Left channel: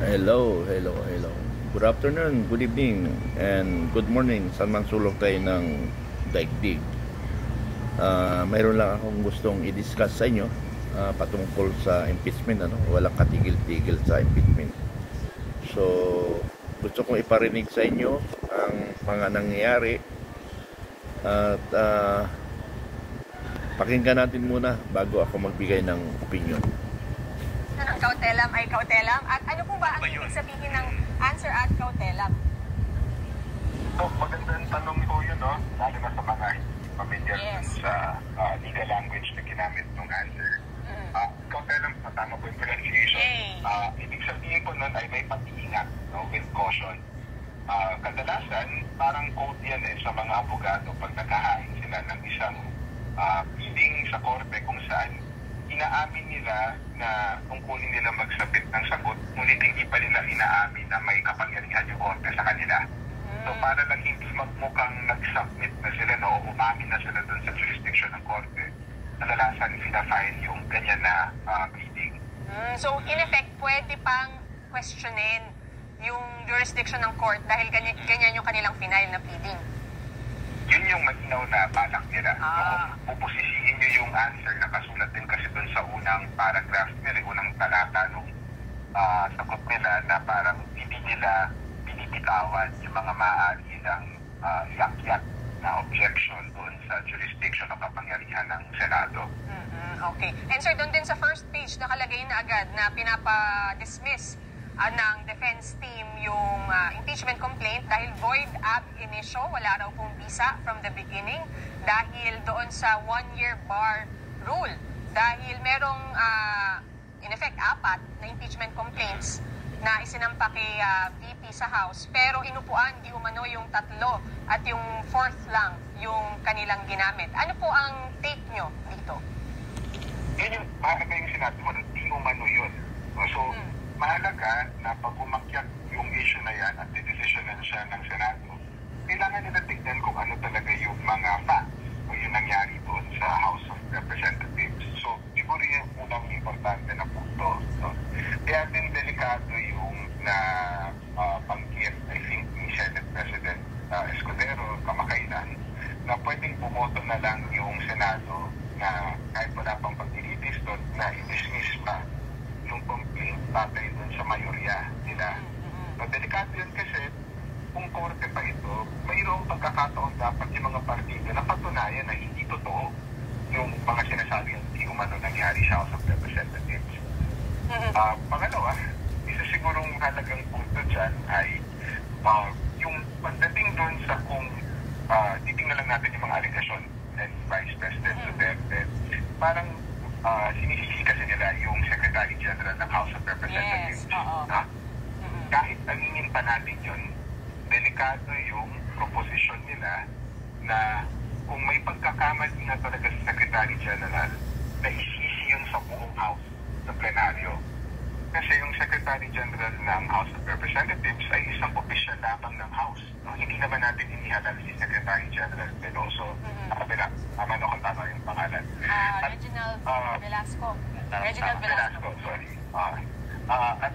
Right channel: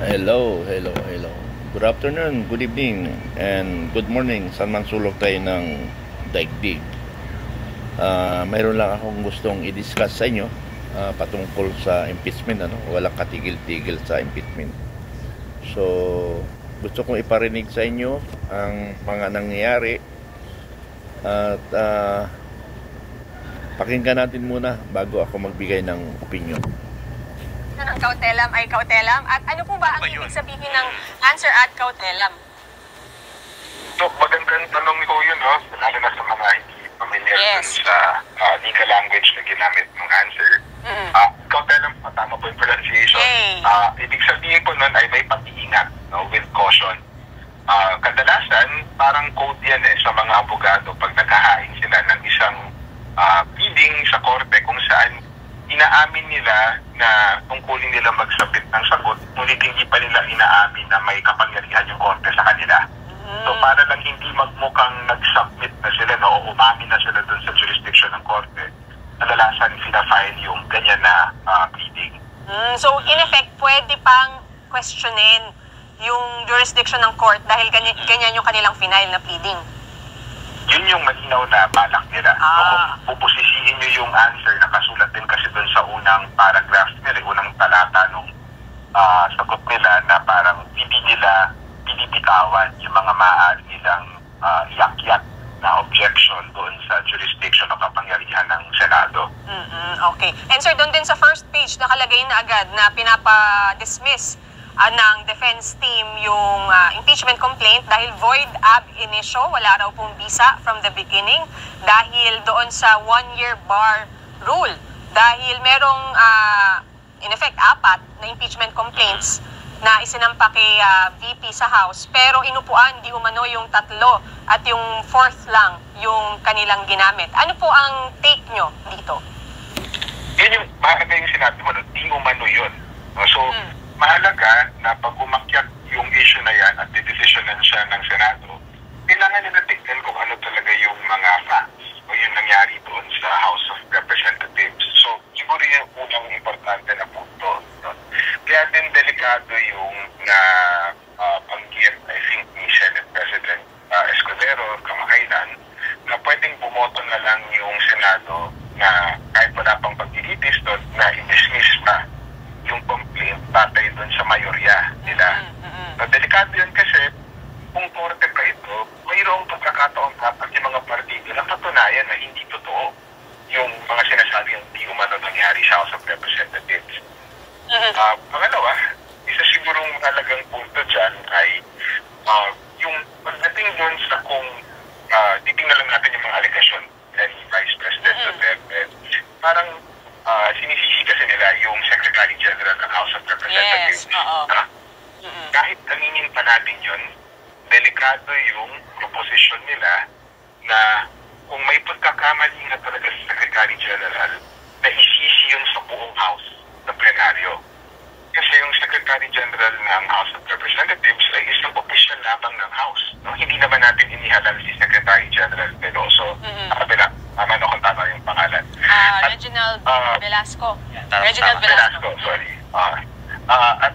Hello, hello, hello. Good afternoon, good evening, and good morning sa man sulok tayo ng daigdig. Mayroon lang akong gustong i-discuss sa inyo patungkol sa impeachment. Walang katigil-tigil sa impeachment. So, gusto kong iparinig sa inyo ang mga nangyayari at pakinggan natin muna bago ako magbigay ng opinion. Ang kautelam ay kautelam. At ano po ba ang ibig sabihin ng answer at kautelam? So, magandang tanong ko yun, no? Lalo na sa mga hindi familiar sa legal language na ginamit ng answer. Kautelam, tama po yung pronunciation. Ibig sabihin po nun ay may pag-iingat, no? With caution. Kadalasan, parang code yan sa mga abogado pag naghahain sila ng isang pleading sa korte kung saan inaamin nila na tungkulin nila magsabit ng sagot, ngunit hindi pa nila inaamin na may kapangyarihan yung korte sa kanila. So para lang hindi magmukhang nag-submit na sila, no, o umamin na sila dun sa jurisdiction ng korte, kadalasan sina-file yung ganyan na pleading. So in effect, pwede pang questionin yung jurisdiction ng court dahil ganyan yung kanilang final na pleading? Yun yung malinaw na balak nila. Kung pupusisihin nyo yung answer, nakasulat din kasi dun sa unang paragraph nila, unang talata nung sagot nila na parang hindi nila binibitawan yung mga maaari nilang iakyat na objection doon sa jurisdiction o kapangyarihan ng Senado. Okay. And sir, doon din sa first page nakalagay na agad na pinapa-dismiss ng defense team yung impeachment complaint dahil void ab initio, wala raw pong visa from the beginning dahil doon sa 1-year bar rule. Dahil merong, in effect, 4 na impeachment complaints na isinampa kay VP sa House, pero inupuan di umano yung 3 at yung 4th lang yung kanilang ginamit. Ano po ang take nyo dito? Yun yung mahalaga yung sinabi mo, di umano yun. So, mahalaga na pag umakyat yung issue na yan at didesisyonan siya ng Senado, kailangan nila tignan kung ano talaga yung mga facts o yung nangyari doon sa House of Representatives. So, siguro yung unang importante na punto. Kaya din delikado yung na banggit, I think, ni Senate President Escudero kamakailan na pwedeng bumoto na lang yung Senado na kahit wala pang pagdilitis doon na i-dismiss pa yung complaint batay doon sa mayorya nila. Delikado yun kasi kung korte pa ito, mayroong pagkakataon dapat yung mga partido na patunayan na hindi totoo yung mga sinasabi yung di umano nangyari sa House of Representatives. Pangalawa, isa sigurong mahalagang punto dyan ay yung pagdating doon sa kung titingnan lang natin yung mga allegation ni Vice President Duterte, parang sinisisi kasi nila yung Secretary General ng House of Representatives. Kahit aminin pa natin yun, delikado yung proposition nila na kung may pagkakamali nga talaga sa Secretary General, na isisi yun sa buong House na plenaryo. Kasi yung Secretary General ng House of Representatives ay isang opisyal lamang ng House. No? Hindi naman natin inihalal si Secretary General Veloso. Tama no kung tama yung pangalan. Reginald Velasco. Reginald Velasco, sorry. At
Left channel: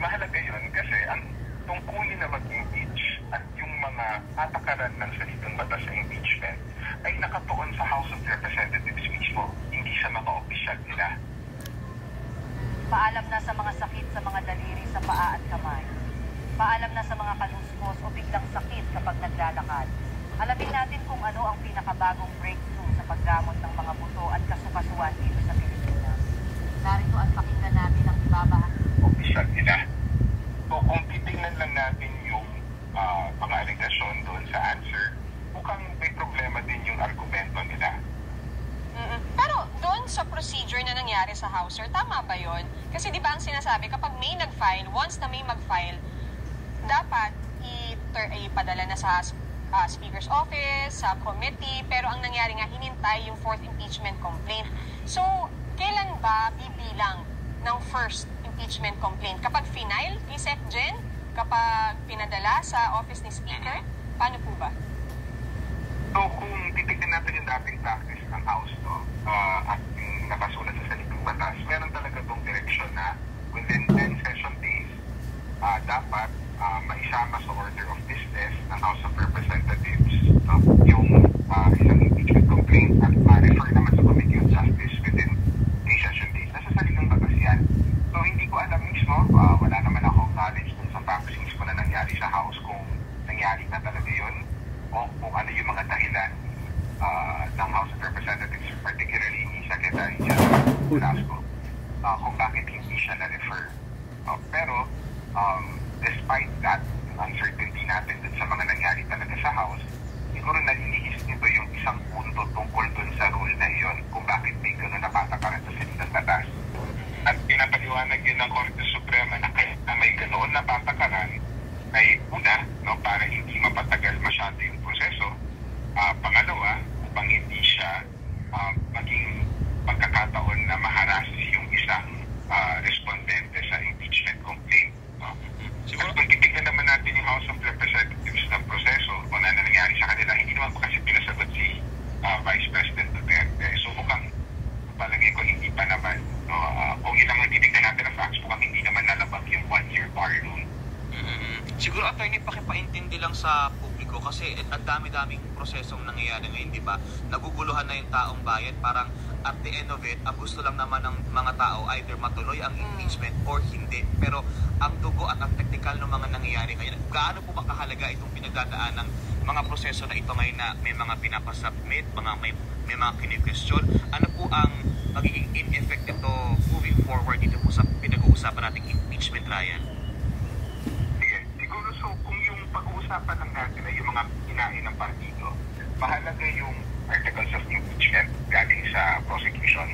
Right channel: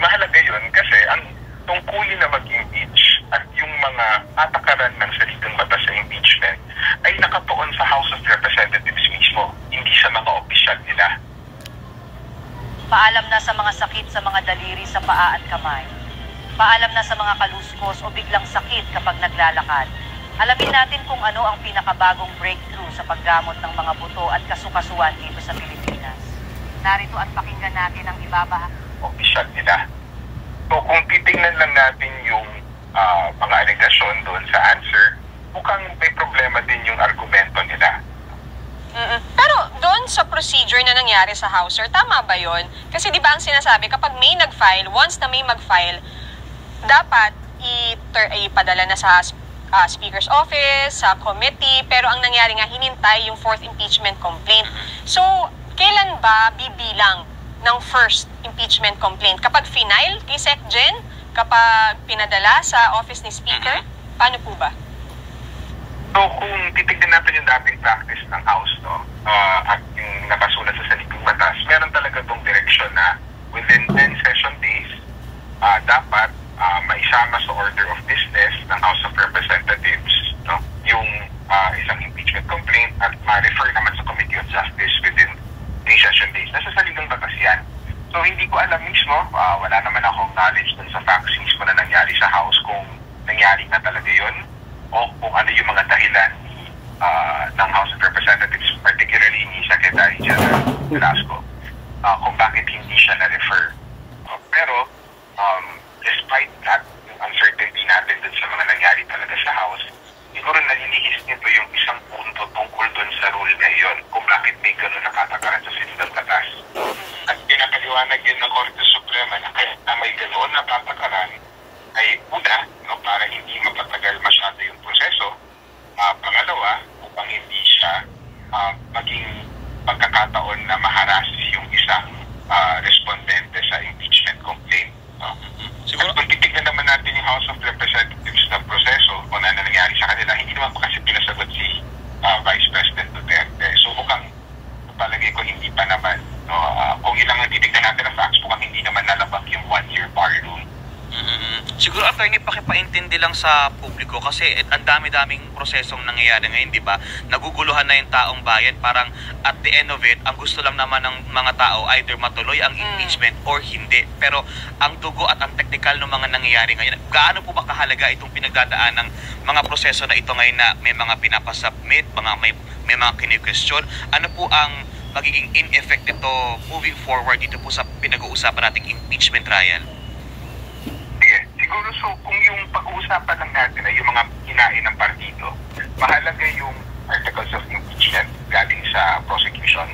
mahalaga yun kasi ang tungkulin na mag-impeach at yung mga atakaran ng salitang batas sa impeachment ay nakatuon sa House of Representatives mismo, hindi sa mga opisyal nila. Paalam na sa mga sakit sa mga daliri sa paa at kamay. Paalam na sa mga kaluskos o biglang sakit kapag naglalakad. Alamin natin kung ano ang pinakabagong breakthrough sa paggamot ng mga buto at kasukasuan dito sa Pilipinas. Narito at pakinggan natin ang ibabahagi. Opisyal nila. So kung titingnan lang natin yung mga alegasyon doon sa answer, mukhang may problema din yung argumento nila. Pero doon sa procedure na nangyari sa House, sir, tama ba yun? Kasi di ba ang sinasabi, kapag may nag-file, once na may mag-file, dapat ipadala na sa Speaker's Office, sa committee, pero ang nangyari nga, hinintay yung 4th impeachment complaint. So, kailan ba bibilang ng first impeachment complaint? Kapag final kay SecGen? Kapag pinadala sa office ni Speaker? Paano po ba? So, kung titignan natin yung dating practice ng House, no, at yung nakasulat sa salitang batas, meron talaga itong direksyon na within 10 session days, dapat maisama sa order of business ng House of Representatives, no? Yung isang impeachment complaint at ma-refer naman sa Committee on Justice within 3 session days. Nasa saligang batas yan. So hindi ko alam mismo, wala naman akong knowledge dun sa facts mismo na nangyari sa House kung nangyari na talaga yun o kung ano yung mga dahilan ng House of Representatives, particularly ni Secretary General Velasco, kung bakit hindi siya na-refer. Pero despite that, yung uncertainty natin dun sa mga nangyari talaga sa House, siguro nalilihis nito yung isang punto tungkol dun sa rule na yun, kung bakit may gano'n nakatakaran sa sinigang batas. At pinapaliwanag yun ng Korte Suprema na kaya may ganoon na patakaran ay una, no, para hindi mapatagal masyado yung proseso. Pangalawa, upang hindi siya maging pagkakataon na maharas yung isang respondente sa impeachment complaint. At kung titignan naman natin yung House of Representatives na proseso kung ano nangyari sa kanila, hindi naman pa kasi pinasagot si Vice President Duterte. So mukhang palagay ko hindi pa naman. Kung ilang ang titignan natin na facts, mukhang hindi naman nalabag yung 1-year bar rule. Siguro, attorney, pakipaintindi lang sa publiko kasi ang dami-daming prosesong nangyayari ngayon, di ba? Naguguluhan na yung taong bayan. Parang at the end of it, ang gusto lang naman ng mga tao either matuloy ang impeachment or hindi. Pero ang dugo at ang technical ng mga nangyayari ngayon, gaano po ba kahalaga itong pinagdadaan ng mga proseso na ito ngayon na may mga pinapasubmit, may mga kini-question? Ano po ang magiging in-effect ito moving forward dito po sa pinag-uusapan nating impeachment trial? Siguro, so kung yung pag-uusapan lang natin ay yung mga hinain ng partido, mahalaga yung articles of impeachment galing sa prosecution,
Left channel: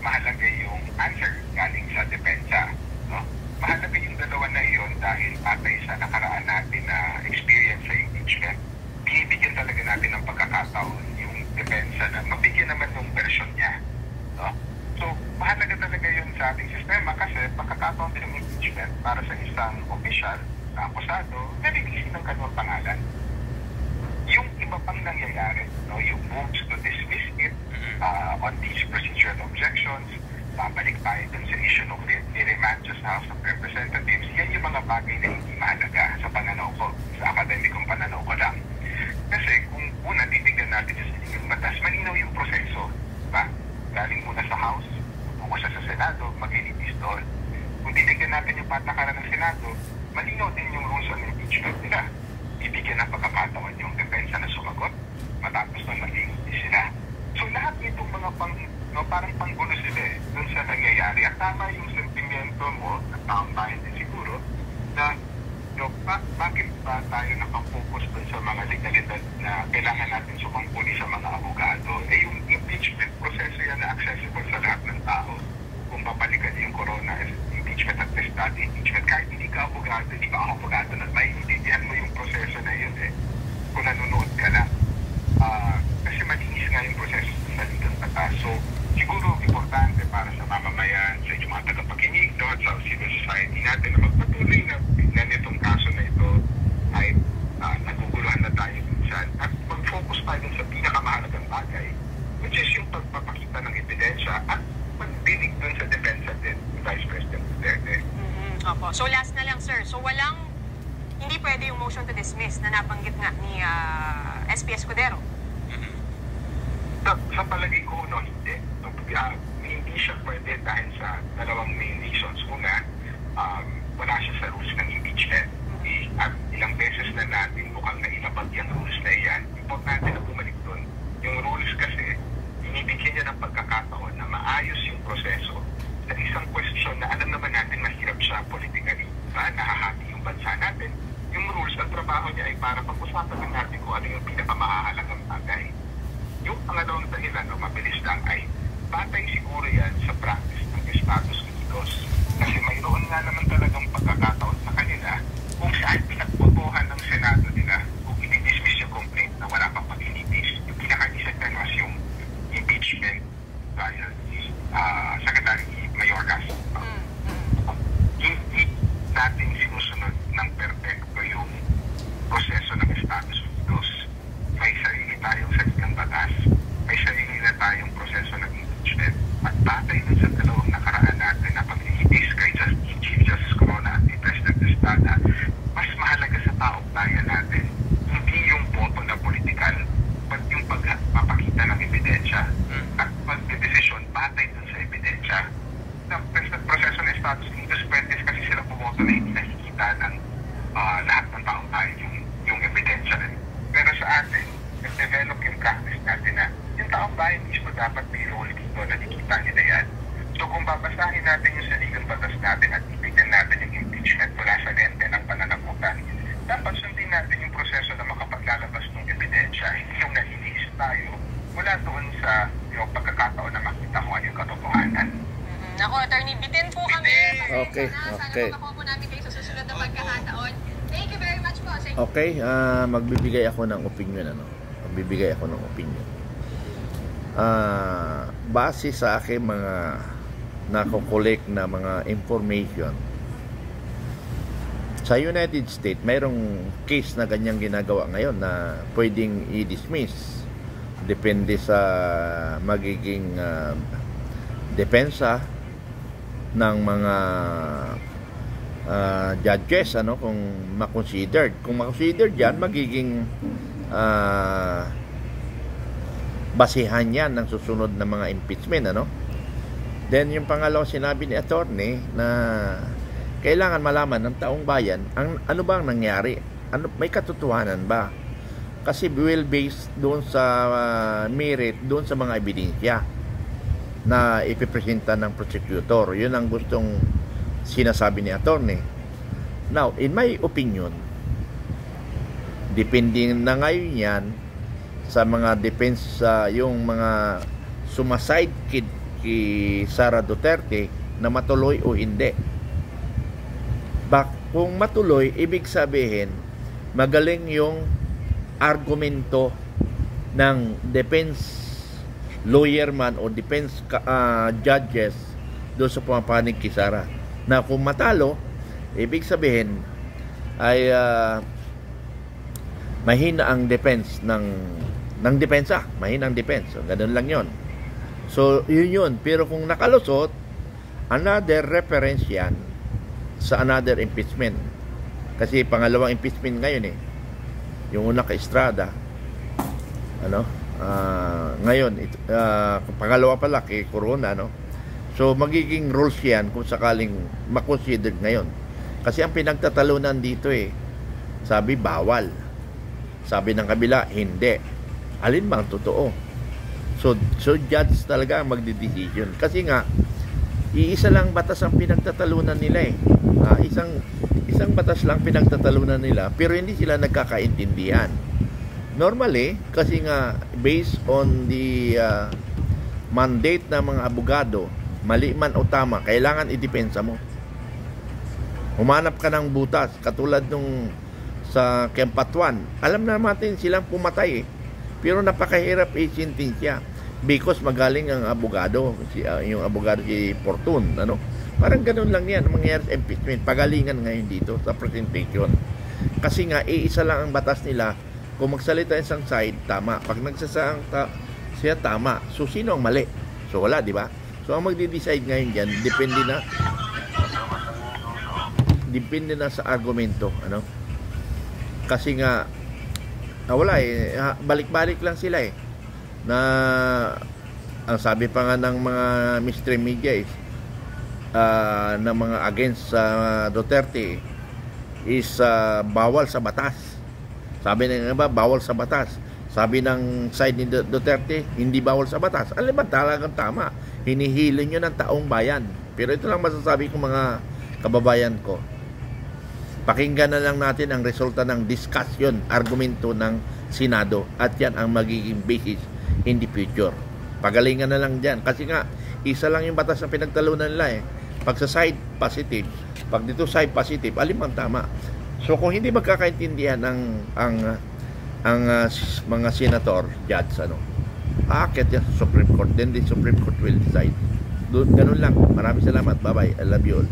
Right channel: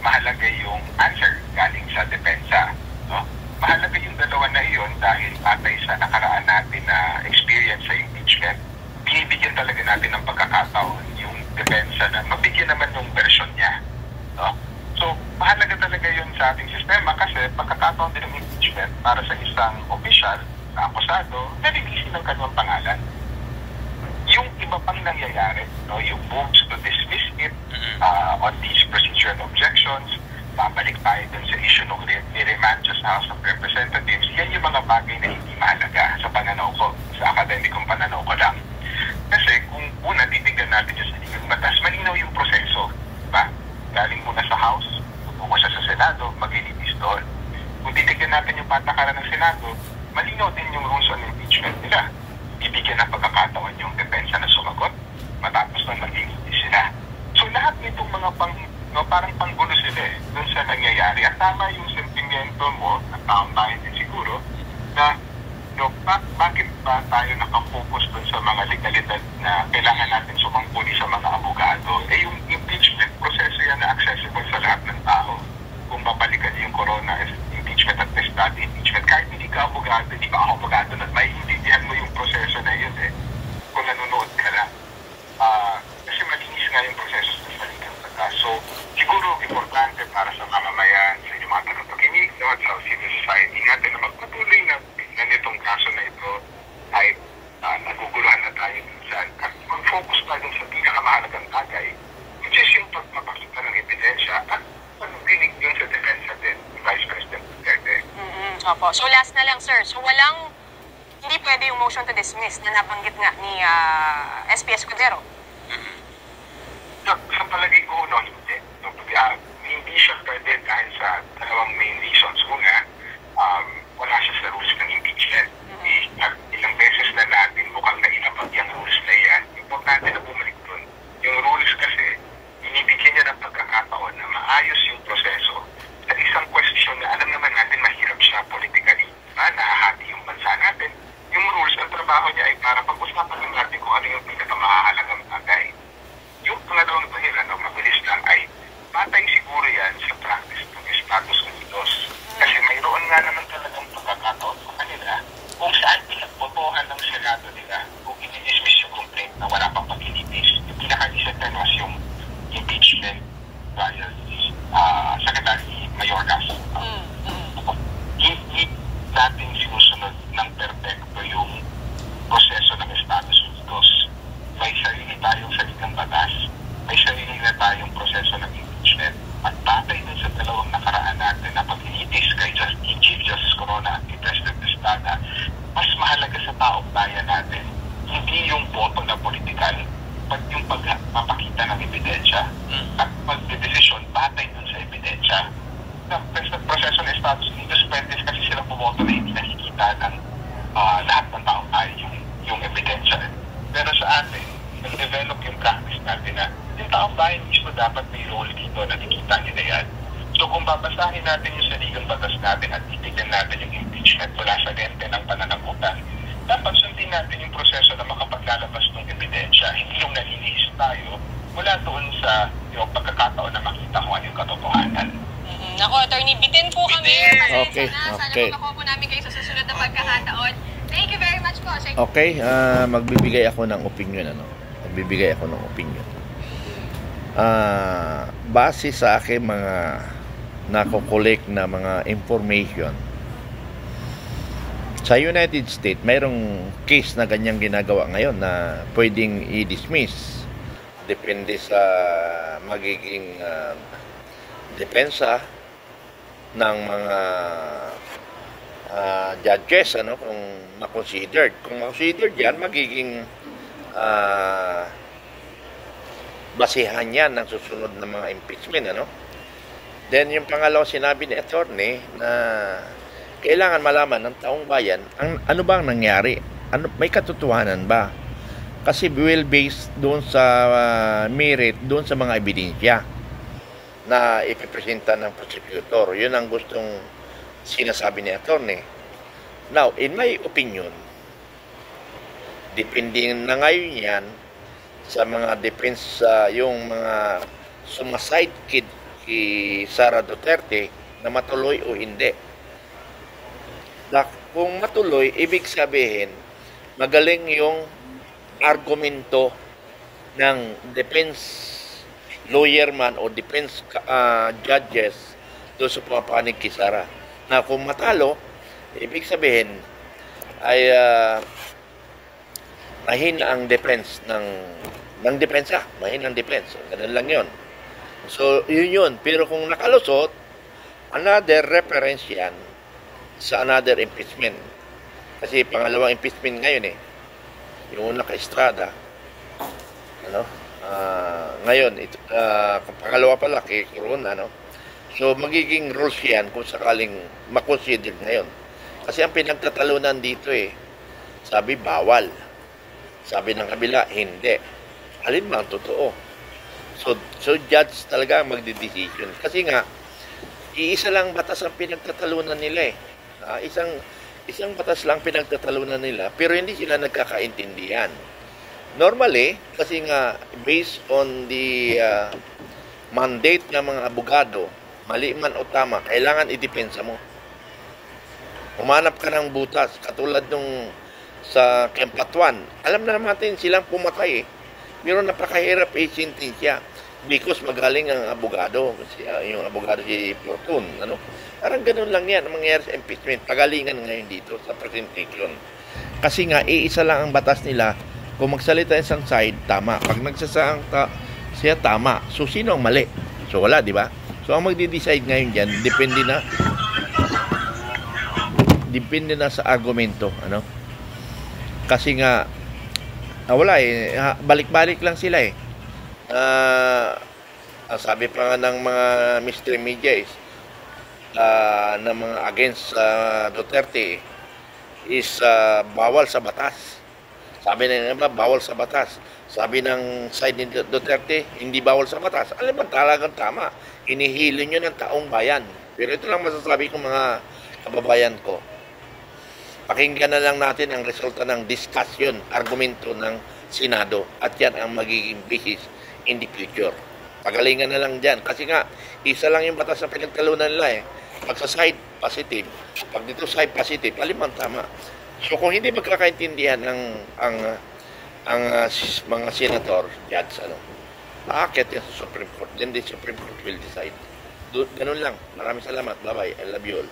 mahalaga yung answer galing sa depensa. No? Mahalaga yung dalawa na iyon dahil patay sa nakaraan natin na experience sa impeachment, binibigyan talaga natin ng pagkakataon yung depensa na mabigyan naman ng version niya. No? So, mahalaga talaga yun sa ating sistema kasi pagkakataon din ng impeachment para sa isang official na akusado, nalilisin ng kanyang pangalan. Yung iba pang nangyayari, no, yung moves to dismiss it on these procedural objections, babalik tayo dun sa issue ng remand sa House of Representatives, yan yung mga bagay na hindi mahalaga sa pananaw ko, sa akademikong pananaw ko lang. Kasi kung una, titignan natin yung saligang batas, malinaw yung proseso. Diba? Galing muna sa House, tutungo siya sa Senado, maglilitis doon. Kung titignan natin yung patakaran ng Senado, malinaw din yung rules on impeachment nila. Bibigyan ng pagkakataon yung depensa na sumagot, matapos na nag-iitis sila. So lahat nitong mga parang panggulo sila dun sa nangyayari. At tama yung sentimiento mo, at taong bayan din siguro, na bakit ba tayo nakafocus dun sa mga legalidad na kailangan natin sumangkuli sa mga abogado? Yung impeachment, proseso yan na accessible sa lahat ng tao. Kung babalikan yung corona impeachment at testado impeachment, kahit hindi ka abogado, hindi ka ako abogado, na maiintindihan mo yung proseso na yun kung nanonood ka lang. Kasi malinis nga yung proseso sa saligang batas. So, siguro importante para sa mamamayan, sa inyong mga tagapakinig, at sa civil society natin na magpatuloy na itong kaso na ito ay naguguluhan na tayo minsan at mag-focus tayo sa pinakamahalagang bagay, which is yung pagpapakita ng ebidensya at pagdinig dun sa depensa din ni Vice President Duterte. Opo. So last na lang, sir. So hindi pwede yung motion to dismiss na nabanggit nga ni SP Escudero. Sa palagay ko, no, hindi. Hindi siya pwede dahil sa dalawang main reasons. Una, wala siya sa rules ng impeachment. At ilang beses na natin mukhang nailabag yung rules na yan. Importante na bumalik doon. Yung rules kasi, binibigyan niya ng pagkakataon na maayos yung proseso at isang question na alam naman natin mahirap siya politically. Nahahati yung bansa natin. Yung rules, ang trabaho niya ay para pag-usapan lang natin kung ano yung pinakamahalagang bagay. Yung pangalawang dahilan, mabilis lang, ay batay siguro yan sa practice ng Estados Unidos. Kasi mayroon nga naman talagang pagkakataon sa kanila kung saan pinagbotohan ng Senado nila kung i-dismiss yung complaint na wala pang pag-initis. Yung pinaka-recent was yung impeachment dahil si Secretary Mayorkas. Hindi sana, mas mahalaga sa taong bayan natin, hindi yung boto na politikal, pag yung pagpapakita ng ebidensya at pagdedesisyon batay dun sa ebidensya. Sa proseso ng Estados Unidos, pwede kasi sila bumoto na hindi nakikita ng lahat ng taong bayan yung ebidensya. Pero sa atin, nag-develop yung practice natin na yung taong bayan mismo dapat may role dito, nakikita nila yan. So kung babasahin natin yung saligang batas natin at titignan natin yung impeachment mula sa lente ng pananagutan, dapat sundin natin yung proseso na makapaglalabas ng ebidensya, hindi yung nalilihis tayo mula doon sa yung pagkakataon na makita kung ano yung katotohanan. Ako, Attorney, bitin po kami. Okay, okay. Sana makuha po namin kayo sa susunod na pagkakataon. Thank you very much po. Okay, magbibigay ako ng opinion, Magbibigay ako ng opinion. Base sa aking mga nako-collect na mga information, sa United States, mayroong case na ganyang ginagawa ngayon na pwedeng i-dismiss. Depende sa magiging depensa ng mga judges, kung ma-considered. Kung ma-considered yan, magiging basihan yan ng susunod na mga impeachment, Then yung pangalawa, sinabi ni attorney na kailangan malaman ng taong bayan ano bang nangyari, may katotohanan ba, kasi will based doon sa merit, doon sa mga ebidensya na ipipresenta ng prosecutor. Yun ang gustong sinasabi ni attorney. Now, in my opinion, depende na ngayon yan sa mga defense, yung mga sumaside kid kay Sara Duterte na matuloy o hindi. Kung matuloy, ibig sabihin magaling yung argumento ng defense lawyer man o defense judges doon sa pumapanig kay Sara. Na kung matalo, ibig sabihin ay mahina ang defense ng depensa, mahina ang defense. So, ganun lang yon. So, yun. Pero kung nakalusot, another reference yan sa another impeachment. Kasi pangalawang impeachment ngayon yung una kay Estrada, ngayon pangalawa pala kay Corona, so magiging rules yan kung sakaling makonsider ngayon. Kasi ang pinagtatalunan dito sabi bawal, sabi ng kabila hindi. Alin ba ang totoo? So judge talaga ang magdedesisyon. Kasi nga, iisa lang batas ang pinagtatalunan nila isang batas lang pinagtatalunan nila, pero hindi sila nagkakaintindihan. Normally, kasi nga, based on the mandate ng mga abogado, mali man o tama, kailangan idepensa mo. Humanap ka ng butas, katulad nung sa Kempatuan. Alam na natin silang pumatay pero napakahirap sentensya because magaling ang abogado, yung abogado si Fortun, Parang ganun lang yan ang mangyayari sa impeachment. Pagalingan ngayon dito sa presentation. Kasi nga, iisa lang ang batas nila. Kung magsalita isang side, tama. Pag nagsasaang siya, tama. So, sino ang mali? So, wala, di ba? So, ang magde-decide ngayon dyan, depende na sa argumento, Kasi nga, wala balik-balik lang sila na ang sabi pa nga ng mga mystery media na mga against Duterte is bawal sa batas. Sabi ng iba, bawal sa batas. Sabi ng side ni Duterte, hindi bawal sa batas. Alam ba, talagang tama. Hinihilo nyo ng taong bayan. Pero ito lang masasabi ko mga kababayan ko. Pakinggan na lang natin ang resulta ng discussion, argumento ng Senado. At yan ang magiging basis in the future. Pagalingan na lang dyan. Kasi nga, isa lang yung batas na pinagtalunan nila Pag sa side, positive. Pag dito side, positive. Alin ang tama. So, kung hindi magkakaintindihan ang mga senator, judge, aakit yan sa Supreme Court. Then the Supreme Court will decide. Ganun lang. Maraming salamat. Bye-bye. I love you all.